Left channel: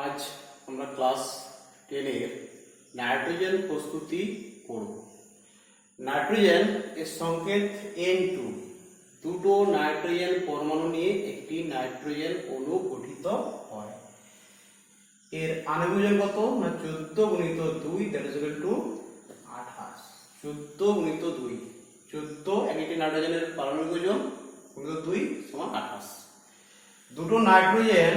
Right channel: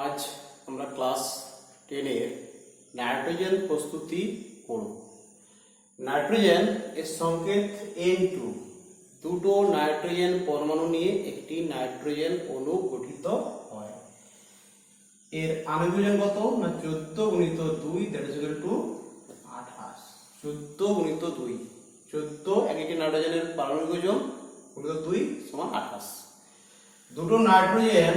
আজ আমরা ক্লাস 10 এর নাইট্রোজেন প্রস্তুতি করব। নাইট্রোজেন এর সংকেত N2, দুটো নাইট্রোজেন পরমাণু নিয়ে একটি নাইট্রোজেন অণু গঠিত হয়। এর আণবিক ওজন কত না 14 গুণিত 2 দ্যাট ইজ ইকুয়াল টু 28। 14 গুণিত 2, 14 একটি নাইট্রোজেনের পারমাণবিক ওজন গুণিত 2 সমান 28। দুটো নাইট্রোজেন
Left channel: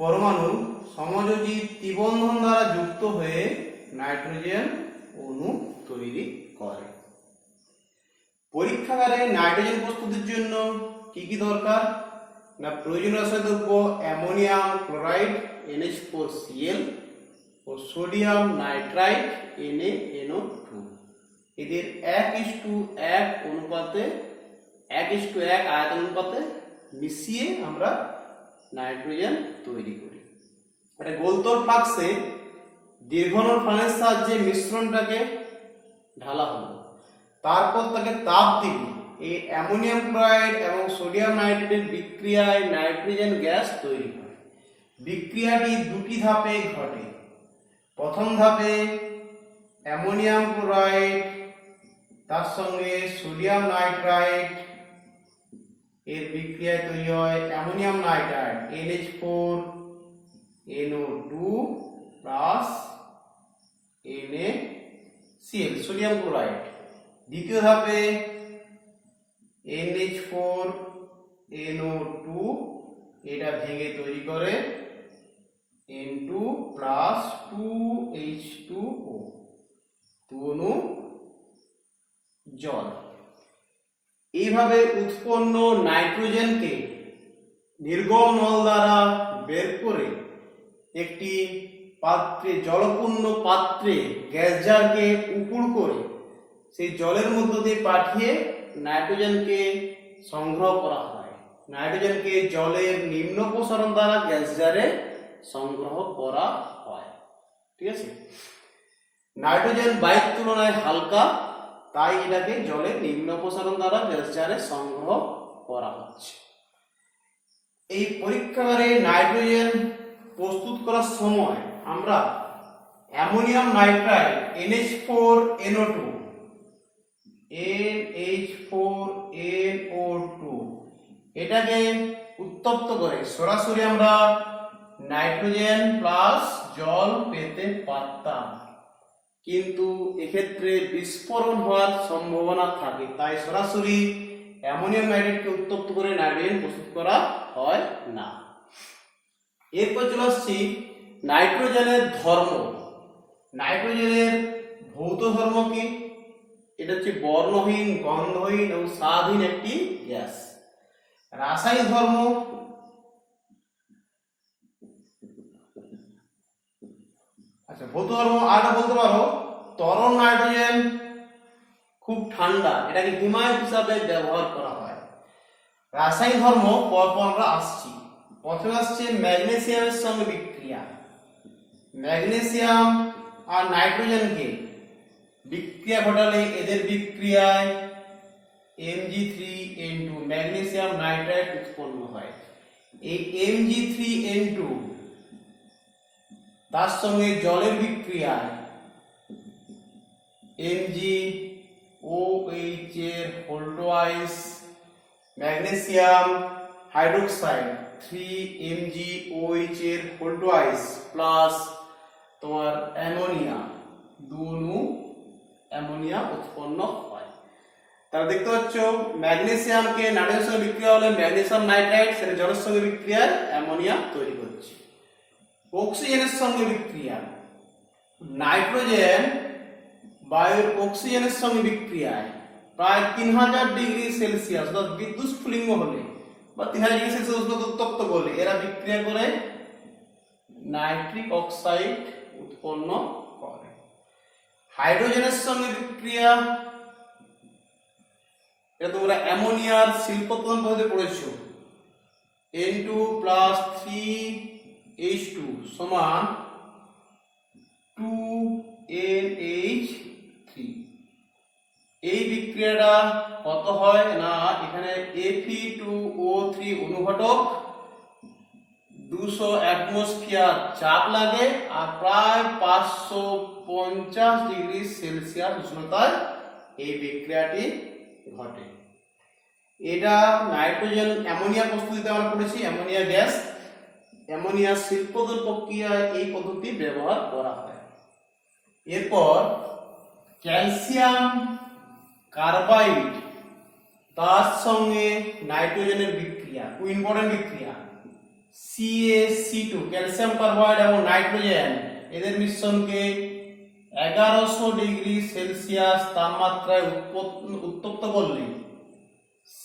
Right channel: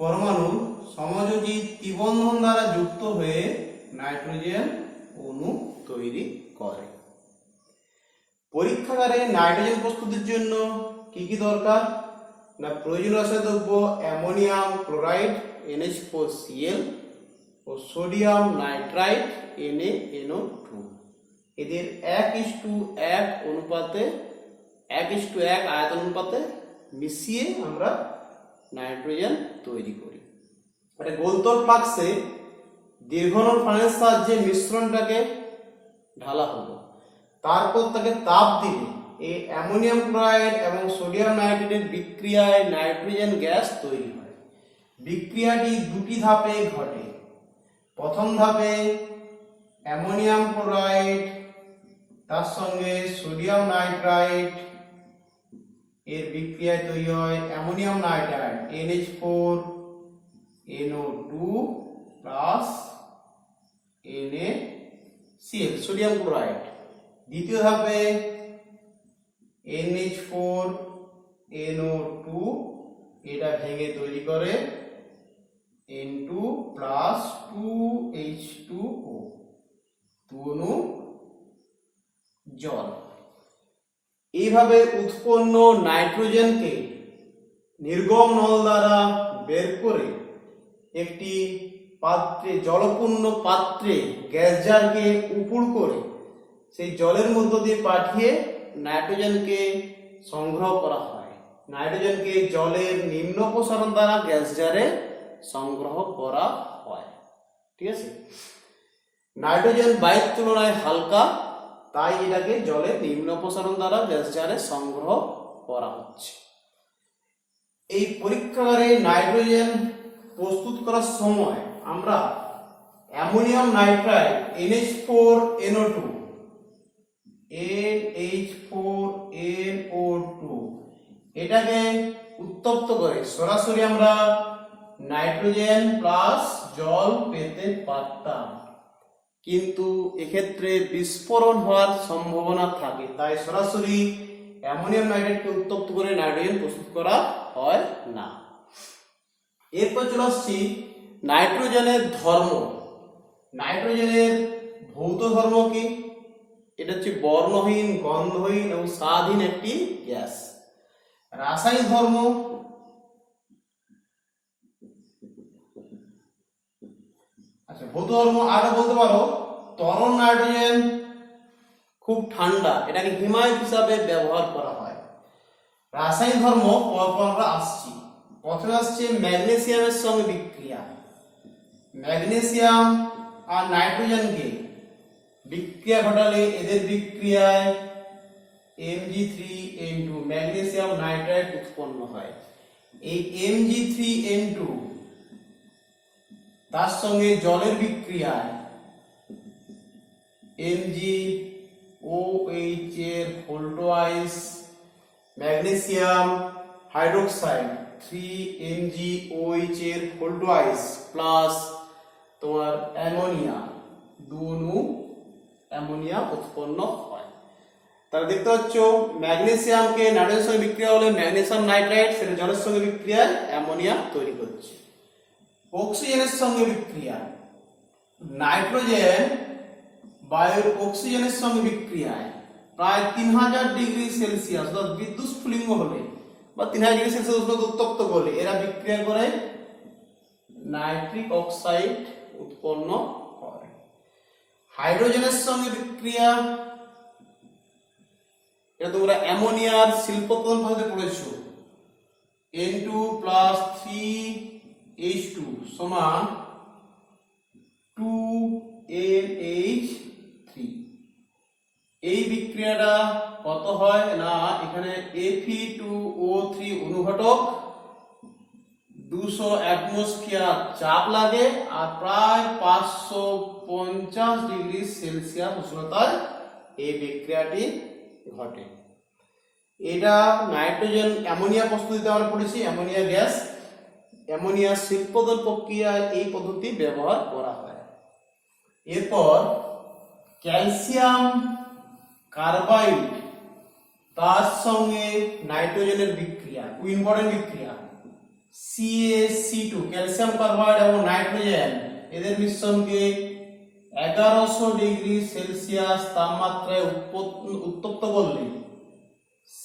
পরমাণু সমযোজী ত্রিবন্ধন দ্বারা যুক্ত হয়ে নাইট্রোজেন অণু তৈরি করে। পরীক্ষাগারে নাইট্রোজেন প্রস্তুতির জন্য কি কি দরকার না প্রয়োজনীয় রাসায়নিক দ্রব্য অ্যামোনিয়াম ক্লোরাইড NH4Cl ও সোডিয়াম নাইট্রাইট NaNO2। এদের 1:1 অনুপাতে 1:1 আয়তন অনুপাতে মিশিয়ে আমরা নাইট্রোজেন তৈরি করি। একটা গোলতল ফ্লাক্সে দীর্ঘনল ফানেলের সাহায্যে মিশ্রণটাকে ঢালা হলো, তারপর তাকে তাপ দিলে এই অ্যামোনিয়াম ক্লোরাইড এবং সোডিয়াম নাইট্রেটের বিক্রিয়ায় নাইট্রোজেন গ্যাস তৈরি হয়। বিক্রিয়াটি দুটি ধাপে ঘটে। প্রথম ধাপে অ্যামোনিয়াম ক্লোরাইড তার সঙ্গে সোডিয়াম নাইট্রাইট এর বিক্রিয়ায় তৈরি হয় ammonium nitrite NH4NO2 plus NaCl sodium chloride. দ্বিতীয় ধাপে NH4NO2 এটা ভেঙে তৈরি করে N2 প্লাস 2H2O, 2 অণু জল। এইভাবে উৎপন্ন নাইট্রোজেনকে নির্গম নল দ্বারা বের করে একটি পাত্রে জলপূর্ণ পাত্রে গ্যাস জারকে উপুড় করে সেই জলের মধ্য দিয়ে পাঠিয়ে নাইট্রোজেনকে সংগ্রহ করা হয়। নাইট্রোজেনকে জলের নিম্ন প্রসারণ দ্বারা গ্যাস জারে সংগ্রহ করা হয়। ঠিক আছে, নাইট্রোজেন বায়ুর তুলনায় হালকা, তাই এটাকে জলে নিম্ন প্রসারণ দ্বারা গ্যাস জারে সংগ্রহ করা হচ্ছে। এই পরীক্ষাগারে নাইট্রোজেন প্রস্তুত করার সময় আমরা অ্যামোনিয়াম নাইট্রাইট NH4NO2 এটাকে উত্তপ্ত করে সরাসরি আমরা নাইট্রোজেন প্লাস জল পেতে পারতাম, কিন্তু এক্ষেত্রে বিস্ফোরণ হওয়ার সম্ভাবনা থাকে, তাই সরাসরি অ্যামোনিয়াম নাইট্রেটকে উত্তপ্ত করে নাইট্রোজেন প্রস্তুত করা হয় না। এরপর চলে আসছি নাইট্রোজেনের ধর্ম। নাইট্রোজেনের ভৌত ধর্ম কি? এটা হচ্ছে বর্ণহীন, গন্ধহীন এবং স্বাদহীন একটি গ্যাস। রাসায়নিক ধর্ম ভৌত ধর্ম আরেকটা বলতে পারো, তরল নাইট্রোজেন খুব ঠান্ডা, এটাকে হিমায়িত হিসাবে ব্যবহার করা হয়। রাসায়নিক ধর্ম পরপর আমরা আসছি। প্রথমে আসছে ম্যাগনেসিয়ামের সঙ্গে বিক্রিয়া। ম্যাগনেসিয়াম আর নাইট্রোজেনকে বিক্রিয়া ঘটালে এদের বিক্রিয়ায় Mg3N2 ম্যাগনেসিয়াম নাইট্রাইট উৎপন্ন হয়। এই Mg3N2 তার সঙ্গে জলের বিক্রিয়ায় MgOH এর ভোল্টোয়াইজ ম্যাগনেসিয়াম হাইড্রোক্সাইড 3MgOH এর ভোল্টোয়াইজ প্লাস তোমার অ্যামোনিয়া, 2 অণু অ্যামোনিয়া উৎপন্ন হয়। তাহলে দেখতে পাচ্ছ ম্যাগনেসিয়ামকে নাইট্রোজেনের সঙ্গে বিক্রিয়া হলে ম্যাগনেসিয়াম নাইট্রাইট সেটা জলের সঙ্গে বিক্রিয়ায় অ্যামোনিয়া তৈরি করছে। অক্সিজেনের সঙ্গে বিক্রিয়া, নাইট্রোজেন বায়ুর অক্সিজেনের সঙ্গে বিক্রিয়ায় প্রায় 3000 ডিগ্রি সেলসিয়াস অর্থাৎ বিদ্যুৎ স্ফুলিঙ্গ হলে বা 3000 ডিগ্রি সেলসিয়াস উত্তপ্ত করলে এরা বিক্রিয়া করে নাইট্রিক অক্সাইড উৎপন্ন করে। হাইড্রোজেনের সঙ্গে বিক্রিয়া, এটা তোমরা অ্যামোনিয়ার শিল্পোৎপাদন পদ্ধতি পড়েছো। N2 প্লাস 3H2 সমান 2NH3। এই বিক্রিয়াটা কত হয় না এখানে Fe2O3 অনুঘটক 200 অ্যাটমসফিয়ার চাপ লাগে আর প্রায় 550 ডিগ্রি সেলসিয়াস উষ্ণতায় এই বিক্রিয়াটি ঘটে। এটা নাইট্রোজেন অ্যামোনিয়া প্রস্তুতিতে আমরা পড়েছি, অ্যামোনিয়া গ্যাস। অ্যামোনিয়া শিল্পোদ্যোগ প্রক্রিয়ায় এই পদ্ধতি ব্যবহার করা হয়। এরপর ক্যালসিয়াম কার্বাইড তার সঙ্গে নাইট্রোজেনের বিক্রিয়া, খুব ইম্পর্টেন্ট বিক্রিয়া। CaC2 ক্যালসিয়াম কার্বাইড এবং নাইট্রোজেন এদের মিশ্রণকে 1100 ডিগ্রি সেলসিয়াস তাপমাত্রায় উত্তপ্ত করলে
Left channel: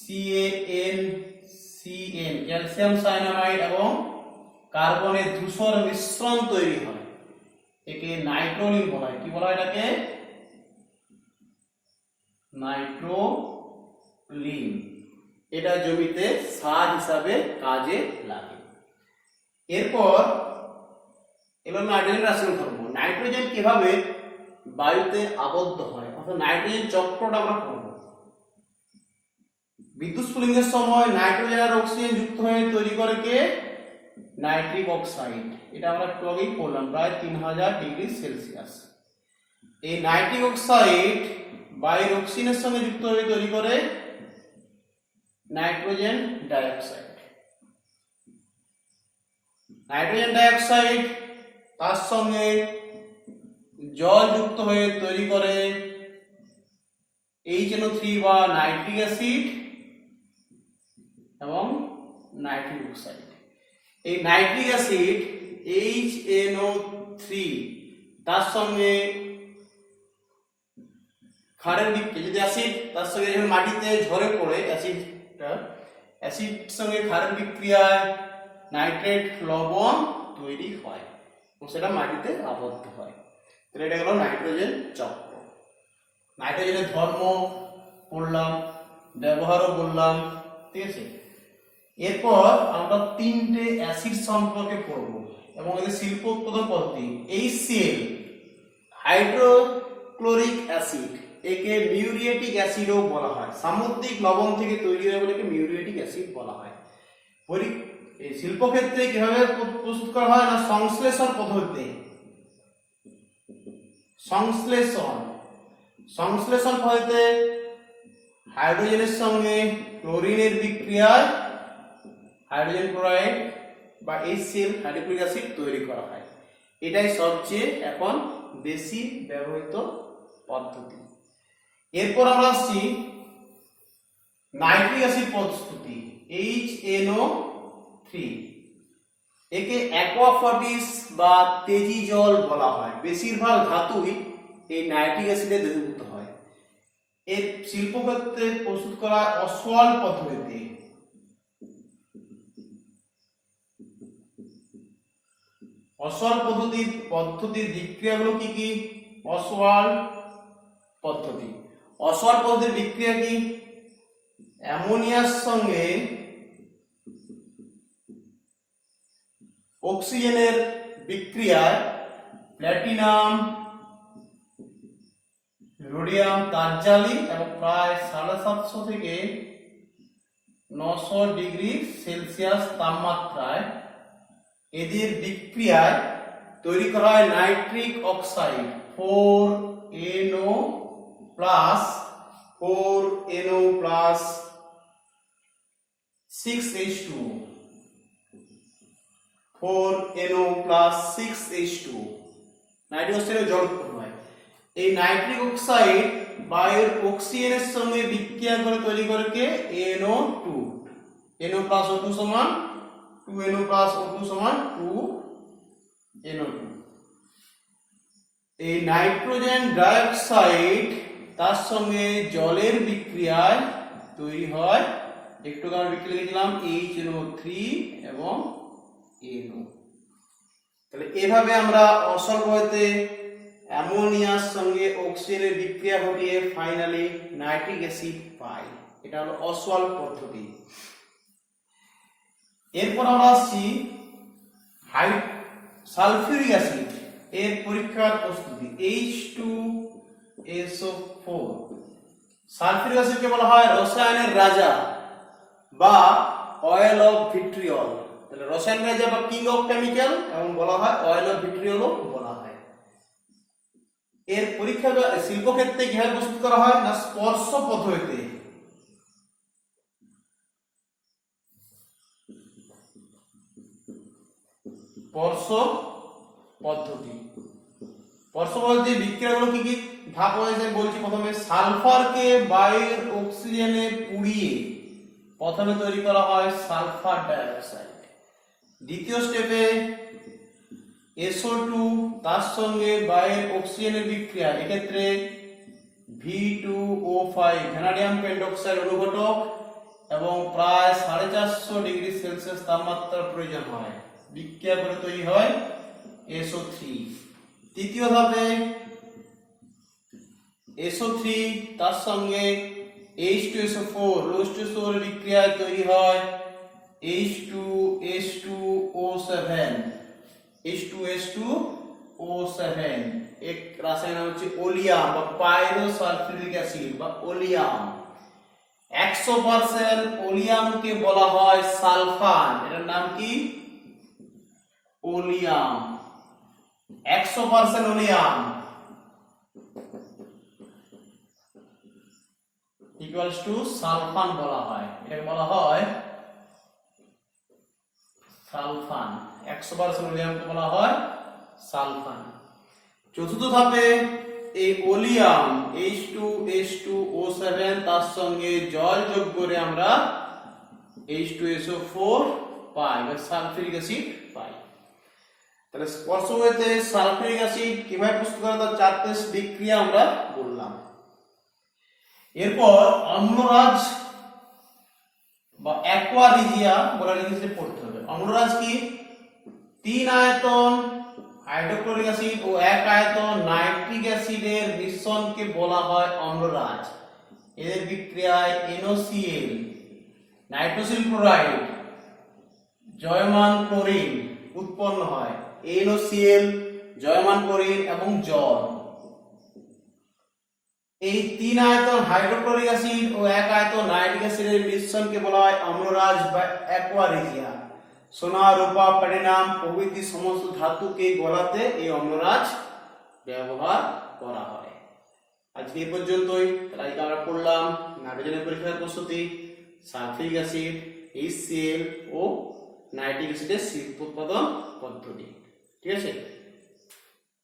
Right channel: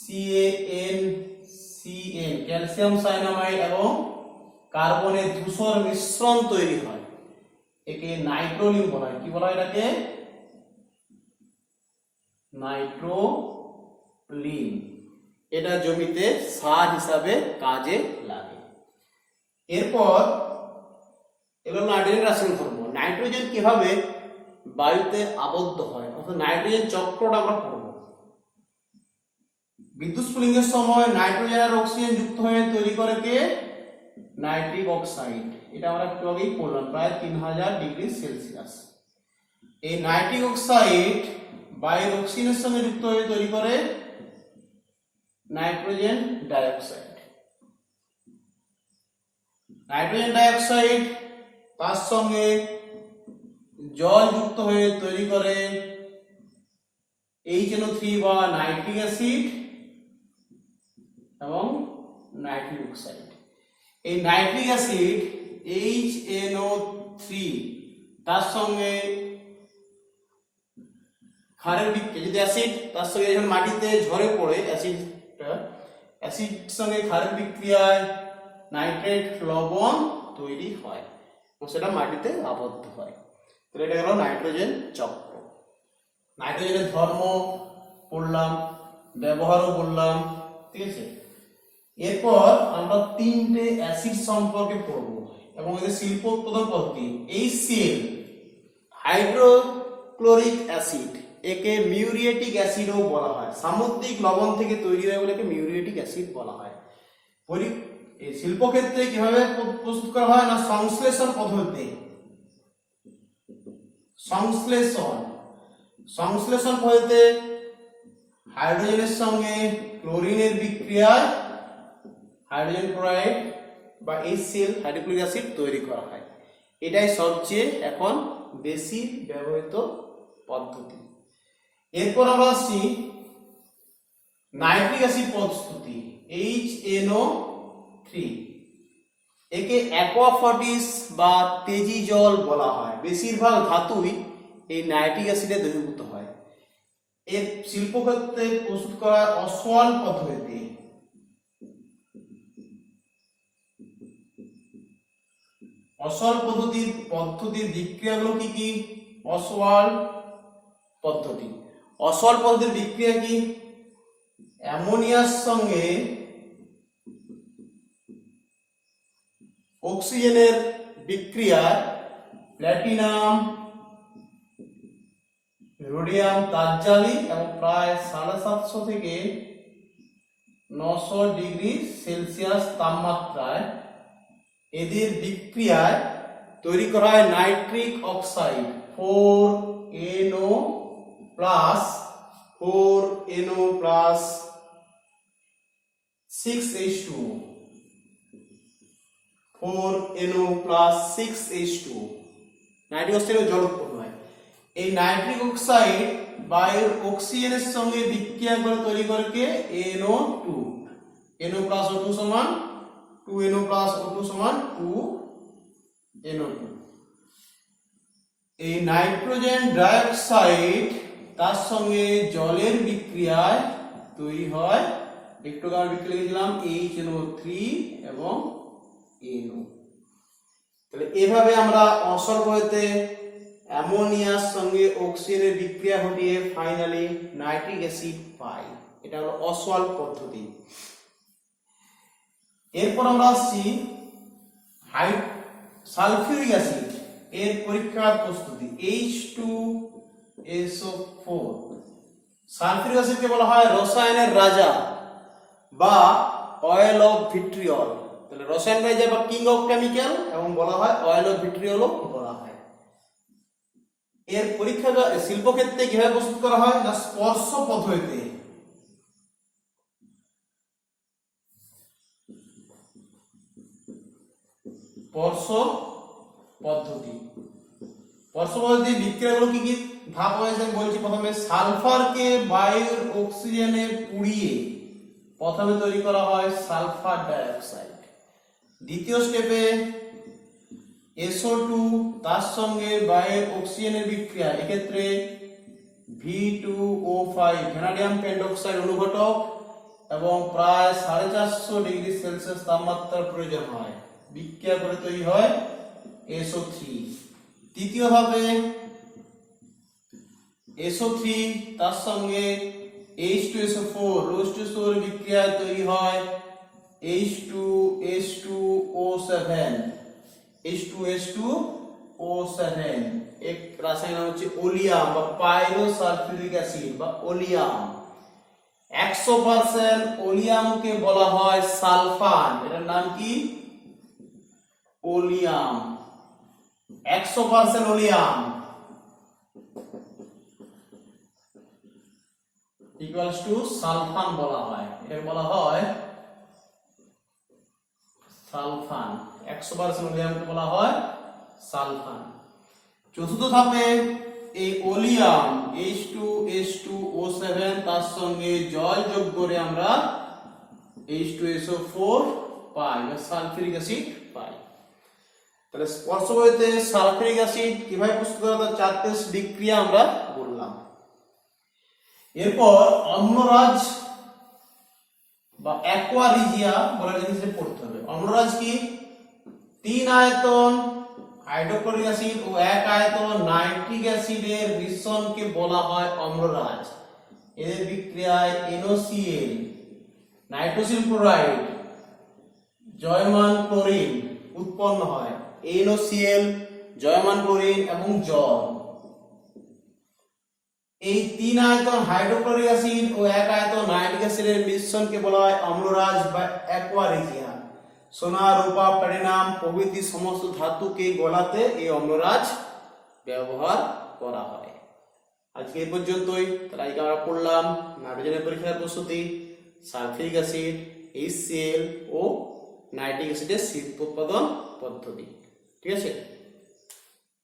CaNCN ক্যালসিয়াম সায়ানামাইড এবং কার্বনের ধূসর মিশ্রণ তৈরি হয়। একে নাইট্রোলিন বলা হয়। কি বলা হয় এটাকে? নাইট্রোলিন। এটা জমিতে সার হিসাবে কাজে লাগে। এরপর এবার নাইট্রোজেন রাসায়নিক ধর্ম। নাইট্রোজেন কিভাবে বায়ুতে আবদ্ধ হয়, অর্থাৎ নাইট্রোজেন চক্রটা আমরা পড়ব। বিদ্যুৎ স্ফুলিঙ্গের সময় নাইট্রোজেন আর অক্সিজেন যুক্ত হয়ে তৈরি করে কে? Nitric oxide. এটা আমরা একটু আগেই পড়লাম, প্রায় 3000 ডিগ্রি সেলসিয়াস। এই নাইট্রিক অক্সাইড বায়ুর অক্সিজেনের সঙ্গে যুক্ত হয়ে তৈরি করে নাইট্রোজেন ডাইঅক্সাইড। নাইট্রোজেন ডাইঅক্সাইড তার সঙ্গে জল যুক্ত হয়ে তৈরি করে HNO3 বা নাইট্রিক অ্যাসিড এবং নাইট্রিক অক্সাইড। এই নাইট্রিক অ্যাসিড HNO3 তার সঙ্গে ক্ষারের বিক্রিয়া, যদি অ্যাসিড তার সঙ্গে যখন মাটিতে ঝরে পড়ে অ্যাসিডটা, অ্যাসিড সঙ্গে ক্ষারের বিক্রিয়ায় নাইট্রেট লবণ তৈরি হয় এবং সেটা মাটিতে আবদ্ধ হয়। তাহলে এটা হলো নাইট্রোজেন চক্র। নাইট্রোজেনের ধর্ম পড়লাম, ব্যবহারও বললাম, ঠিক আছে। এরপর আমরা 3টে অ্যাসিড সম্পর্কে পড়ব এবং এদের শিল্প উৎপাদন পদ্ধতি। HCl হাইড্রোক্লোরিক অ্যাসিড, একে মিউরিয়েটিক অ্যাসিডও বলা হয়। সামুদ্রিক লবণ থেকে তৈরি হয় বলে একে মিউরিয়েটিক অ্যাসিড বলা হয়। এই শিল্পক্ষেত্রে কিভাবে প্রস্তুত করা হয় না, সংশ্লেষণ পদ্ধতিতে। সংশ্লেষণ পদ্ধতিতে হাইড্রোজেনের সঙ্গে ক্লোরিনের বিক্রিয়ায় হাইড্রোজেন ক্লোরাইড বা HCl হাইড্রোক্লোরিক অ্যাসিড তৈরি করা হয়। এটাই সবচেয়ে এখন বেশি ব্যবহৃত পদ্ধতি। এরপর আমরা আসছি নাইট্রিক অ্যাসিড প্রস্তুতি, HNO3। একে অ্যাকোয়াফর্টিস বা তেজি জল বলা হয়। বেশিরভাগ ধাতুই এই নাইট্রিক অ্যাসিডে দ্রবীভূত হয়। এর শিল্পক্ষেত্রে প্রস্তুত করা অসওয়াল পদ্ধতিতে। অসওয়াল পদ্ধতির বিক্রিয়াগুলো কি কি? অসওয়াল পদ্ধতির বিক্রিয়া কি? অ্যামোনিয়ার সঙ্গে অক্সিজেনের বিক্রিয়ায় প্ল্যাটিনাম, রোডিয়াম তারজালি এবং প্রায় 750 থেকে 900 ডিগ্রি সেলসিয়াস তাপমাত্রায় এদের বিক্রিয়ায় তৈরি করা হয় nitric oxide 4NO+, 6H2, 4NO+6H2। Nitric অক্সাইডের জল উৎপন্ন হয়। এই নাইট্রিক অক্সাইড বায়ুর অক্সিজেনের সঙ্গে বিক্রিয়া করে তৈরি করে কে? NO2। NO+O2 সমান 2NO+O2 সমান 2NO2। এই নাইট্রোজেন ডাইঅক্সাইড তার সঙ্গে জলের বিক্রিয়ায় তৈরি হয়, একটু আমরা বিক্রিয়া লিখেছিলাম HNO3 এবং NO। তাহলে এভাবে আমরা অসল পদ্ধতিতে অ্যামোনিয়ার সঙ্গে অক্সিজেনের বিক্রিয়া ঘটিয়ে ফাইনালি নাইট্রিক অ্যাসিড পাই। এটা হলো অসল পদ্ধতি। এরপর আমরা আসছি সালফিউরিক অ্যাসিড এর পরীক্ষার প্রস্তুতি, H2SO4। সালফিউরিক অ্যাসিডকে বলা হয় রসায়নের রাজা বা অয়েল অফ ভিট্রিয়ল। তাহলে রসায়ন গাইজা বা কিং অফ কেমিক্যাল এবং বলা হয় অয়েল অফ ভিট্রিয়লও বলা হয়। এর পরীক্ষা শিল্পক্ষেত্রে কিভাবে প্রস্তুত করা হয় না স্পর্শ পদ্ধতিতে। স্পর্শ পদ্ধতি বিক্রিয়াগুলো কি কি ভাগ হয়েছে বলছি। প্রথমে সালফারকে বায়ুর অক্সিজেনে পুড়িয়ে প্রথমে তৈরি করা হয় সালফার ডাইঅক্সাইড। দ্বিতীয় স্টেপে SO2 তার সঙ্গে বায়ুর অক্সিজেনের বিক্রিয়া, এক্ষেত্রে V2O5 ভ্যানাডিয়াম পেন্টক্সাইড অনুঘটক এবং প্রায় 450 ডিগ্রি সেলসিয়াস তাপমাত্রার প্রয়োজন হয়। বিক্রিয়া করে তৈরি হয় SO3। তৃতীয় ধাপে SO3 তার সঙ্গে H2SO4 এর বিক্রিয়ায় তৈরি হয় H2SO7 এক রাসায়নিক নাম হচ্ছে ওলিয়াম বা পাইরোসালফিউরিক অ্যাসিড বা ওলিয়াম। 100% ওলিয়ামকে বলা হয় সালফান, এটার নাম কি ওলিয়াম। 100% ওলিয়াম ইকুয়ালস টু সালফান বলা হয়, এটাকে বলা হয় সালফান। 100% ওলিয়ামকে বলা হয় সালফান। চতুর্থ ধাপে এই ওলিয়াম H2SO7 তার সঙ্গে জল যোগ করে আমরা H2SO4 পাই বা সালফিউরিক অ্যাসিড পাই। তাহলে স্পর্শ পদ্ধতিতে সালফিউরিক অ্যাসিড কিভাবে প্রস্তুত করা হয় 4টি বিক্রিয়া আমরা বললাম। এরপর অম্লরাজ বা অ্যাকোয়ারিজিয়া বলে জিনিসটা পড়তে হবে। অম্লরাজ কি 3 আয়তন হাইড্রোক্লোরিক অ্যাসিড ও 1 আয়তন নাইট্রিক অ্যাসিডের মিশ্রণকে বলা হয় অম্লরাজ। এদের বিক্রিয়ায় NaCl নাইট্রোসিল ক্লোরাইড জয়মান ক্লোরিন উৎপন্ন হয়। NaCl জয়মান ক্লোরিন এবং জল। এই 3 আয়তন হাইড্রোক্লোরিক অ্যাসিড ও 1 আয়তন নাইট্রিক অ্যাসিডের মিশ্রণকে বলা হয় অম্লরাজ বা অ্যাকোয়ারিজিয়া। সোনা, রূপা, প্লাটিনাম প্রভৃতি সমস্ত ধাতুকে গলাতে এই অম্লরাজ ব্যবহার করা হয়। আজকে এই পর্যন্তই। তাই আমরা পড়লাম নাইট্রোজেনের পরীক্ষার প্রস্তুতি, সালফিউরিক অ্যাসিড, HCl ও নাইট্রিক অ্যাসিডের শিল্প উৎপাদন পদ্ধতি। ঠিক আছে।